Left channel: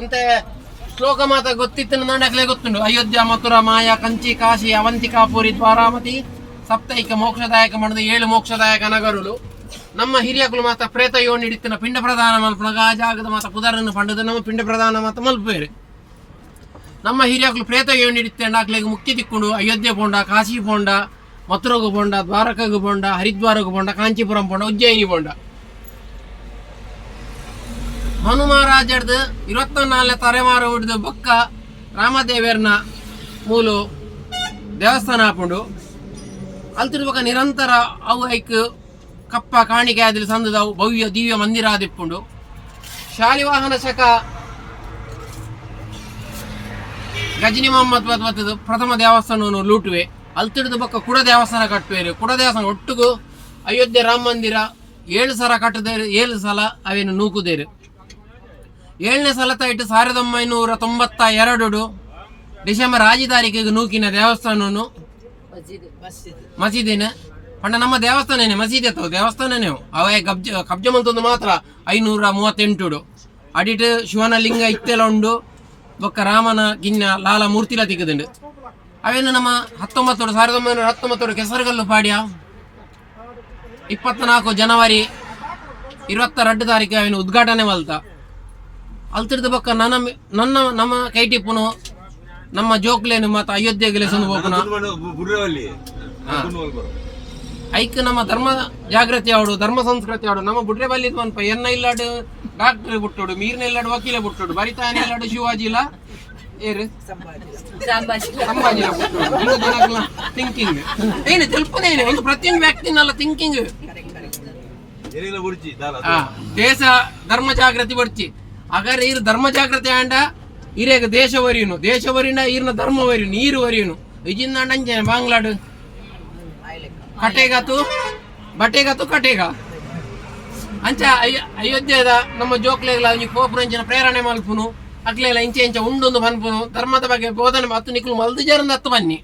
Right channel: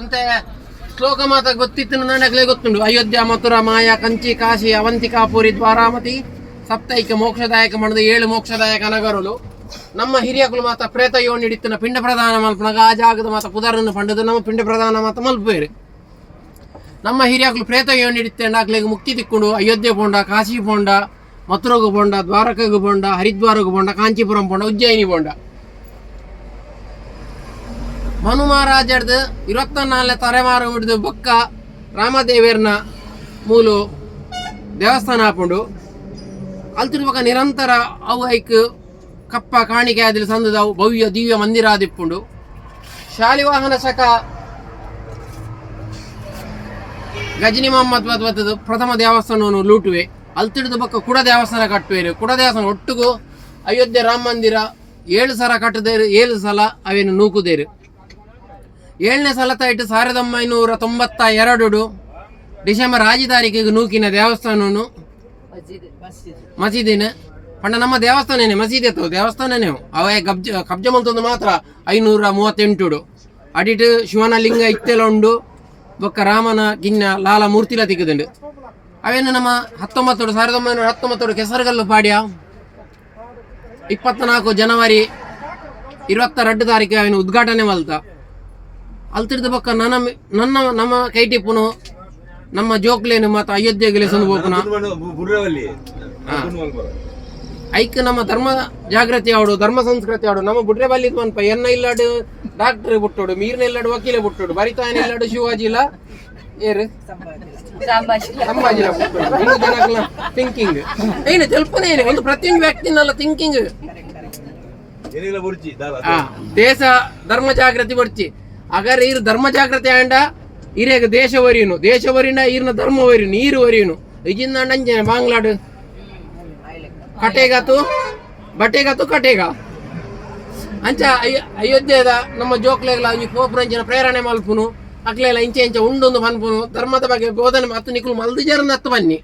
ಅಂತೆ ಶ್ಲೋಕ ಮಾತ ಗೊತ್ತಿತ್ತು ನನಗಲೇ ಗೊತ್ತುಂಡು. ಅಯೋಧ್ಯ ಮಥುರಾ ಮಾಯಾ ಕಂಚಿ ಕಾಶಿ ಅವಂತಿಕಾಪುರಿ ದ್ವಾರಾಮತಿ ಸಪ್ತೈಕ ಮೋಕ್ಷದಾಯಕ ಮಣದ 7 ಮೋಕ್ಷದಾಯಕ ನಗರಲು ನಮ್ಮ ಹಿರಿಯಕುಲು ಮಾತ ಪ್ರೇತ ಯೋಣಿ ಹಿಡಿತಿನ ಪಿಂಡ ಪ್ರದಾನ ಮಲ್ಪನಾಗ ಆ ಜಾಗದ ಮಾತ ಪುದರನ್ನು ಪಂಡದ ನಮ್ಮ ಪಿಂಡ ಪ್ರದಾನ ಮಾತ ಮಲ್ಪೇರು. ನಮ್ಮ ಹಿರಿಯಕುಲು ಪ್ರೇತ ಯೋಣಿ ಹಿಡಿತಂಡ ಆಗ್ಲಿಗೆ ಮುಕ್ತಿ ತಿಕ್ಕೊಂಡು ಅಯೋಧ್ಯೆ ಪೋಂಡ, ಕಾಶಿ ಪೋಂಡ, ಮಥುರಗು ಪೋಂಡ, ದ್ವಾರಕಗು ಪೋಂಡ, ಹರಿದ್ವಾರಗು ಪೋಂಡ, ಕಾಂಚೀಪುರಂ ಪೋಂಡ, ಉಜ್ಜಯಿನಿ ಪೋಂಡ. ಮನು ಮಹಾರಾಜರ್ದು 24ನೇ ತಲೆಮಾರು ಹಿಡಿದು ಬೊಕ್ಕ ರಾಮದೇವೇರ್ನ ಮೂಲು ದೇವಸ್ಥಾನ ಹಾಕೊಂಡು ಅಲ್ತಿರ್ಬೇಕ ನಿರಂತರ ಅವು ಐಕ್ ಕಪ್ಪ ಕಾಣಿಕೆ ಆದಿಲ್ ಸಂದದ ಭವ್ಯ ದಿವ್ಯ ಮಂದಿರ ಆದಿಪ್ಪುಂಡು. ಶಾಲಿವಾಹನ ಶಕ ಗಜನಿ ಮೊಹಮ್ಮದ್ ಬತ್ತದು ಪ್ರಥಮ ದೇವಸ್ಥಾನವನ್ನು ಲೂಟುವೆ. ಅಲ್ತಿಡ್ದು ಬೊಕ್ಕ ಕುಡ ದೇವಸ್ಥಾನ ಕಟ್ಟುವೆರು. ಕುಡ ದೇವಸ್ಥಾನ ಒಟ್ಟಿಗೂ ಅಯೋಧ್ಯೆ ರಾಮ ಮಂದಿರ 7 ಸಲ ಕಟ್ಟದೇರು, 7 ಸಲ ಅವೇನು ನೂಕುದೇರು. 7ನೇ ಸಲ ತಾಯಿಟ್ಟು 1992 ಡಿಸೆಂಬರ್ 5 ತಾರೀಕಿಗೆ ನೂಕಿನ ದೇವಸ್ಥಾನವನ್ನು ಮಸೀದಿನ ಪಂಡ ನಮ್ಮ ದೇವಸ್ಥಾನನೇ ಮಸೀದಿ ಅಥವಾ ದೇವಸ್ಥಾನನೇ ಅವೇ ಕಬ್ಜ ಮಂತಂದು ಮಾತ್ರ 538 ಅಡಿಟ್ ಶಿವನ ಲಿಂಗ ಇತ್ತೆಲ್ಲ ಉಂಡು. ಬೊಕ್ಕ ರಾಮನ ಗಿನ್ನ ಲಾಲ ಮೂರ್ತಿಲ ತಿಕ್ಕದುಂಡು. ಅವೇನು ನಮ್ಮ 1919 ಕೆಸರುಗಲ್ಲು ಪಾಡ್ಯ 24 ಜನವರಿ 22 ತಾರೀಕು ಅವೇನು ಉದ್ಘಾಟನೆ ಮಲ್ತ. ಅಲ್ತಿಡ್ದು ಬೊಕ್ಕ ನಮ್ಮ ಕೈಟಿಪ್ಪುನು ನಮ್ಮ ಜೋಕ್ಲೇನು ಮತ್ತು ಅಯೋಧ್ಯೆಗೆ ಸಂದು ಹೋಗುನ ಐಕ್ ನಮ್ಮ ಧರ್ಮ ಜಾಗೃತಿ ಆಡು, ಧರ್ಮ ಸಂಸ್ಕೃತಿ ಆಡು. ನಮ್ಮ ಬುಡ್ರೆ ಬಲ್ಲಿದ್ ಅನ್ಪ ಎನ್ನ ಇಲ್ಲಾಡು ಡಾಕ್ಟರ್ ಬಿಟ್ಟೋಡು, ಮೀರ್ನ ಇಲ್ಲಾಡು ವಕೀಲೆ ಬಿಟ್ಟೋಡು, ಬರಿತಾಯನ ಇಲ್ಲಾಡು ಶಿವಾಜಿ ಇಲ್ಲ ಏರು ಸಂಭಾಜಿಲ ಬಿಟ್ಟೋಡು. ಥಿಂಕಿಂಗ್ ಏನು ತೆಲ್ಪನೇ ಏನು ಒಂದು ಪ್ರತಿಯೊಂದು ವ್ಯಕ್ತಿನಲ್ಲ ಥಿಂಕಿಂಗ್ ದೇಶ ಧರ್ಮ ಜಾಗೃತಿ ಬಡ್ಚಿ ಅಗರ್ ಈರು ಧರ್ಮ ಜಾಗೃತಿ ಆಂಡ ಇರೇಗ ದೇಶ ವರಿಯುನು, ದೇಶ ವರಿನ ಈರ್ನ ಧರ್ಮ ವರಿಯುನು, ನೀರು ವರಿಯುನು ಇಜಿಂದ ಅಂಜೆ ಬಾಂಗ್ಲಾಡು ಕಟೇಗಾತು ಬಟೇಗಾತು ಕಟೇಗ ಅಂಚ ಅಯೋಧ್ಯೆದ ನಮ್ಮ ಜೋಕ್ಲೆಗ್ಲ ಈ ಪೋಪುರಂಚಿನ ಪ್ರೇರಣೆ ಮಲ್ಪುನು ಅಕ್ಲೆಲ್ಲ ಇಂಚೆ ಇಂಚೆ ಉಂಡೊಂದು ಪನ್ಪುನು ಧರ್ಮದ ಬಗ್ಗೆ ಬೋಧನೆ ಮತ್ತು ನಿಕ್ಲು ಮಲ್ದು ಜರಂದ ಹತ್ತು ಬನ್ನಿ.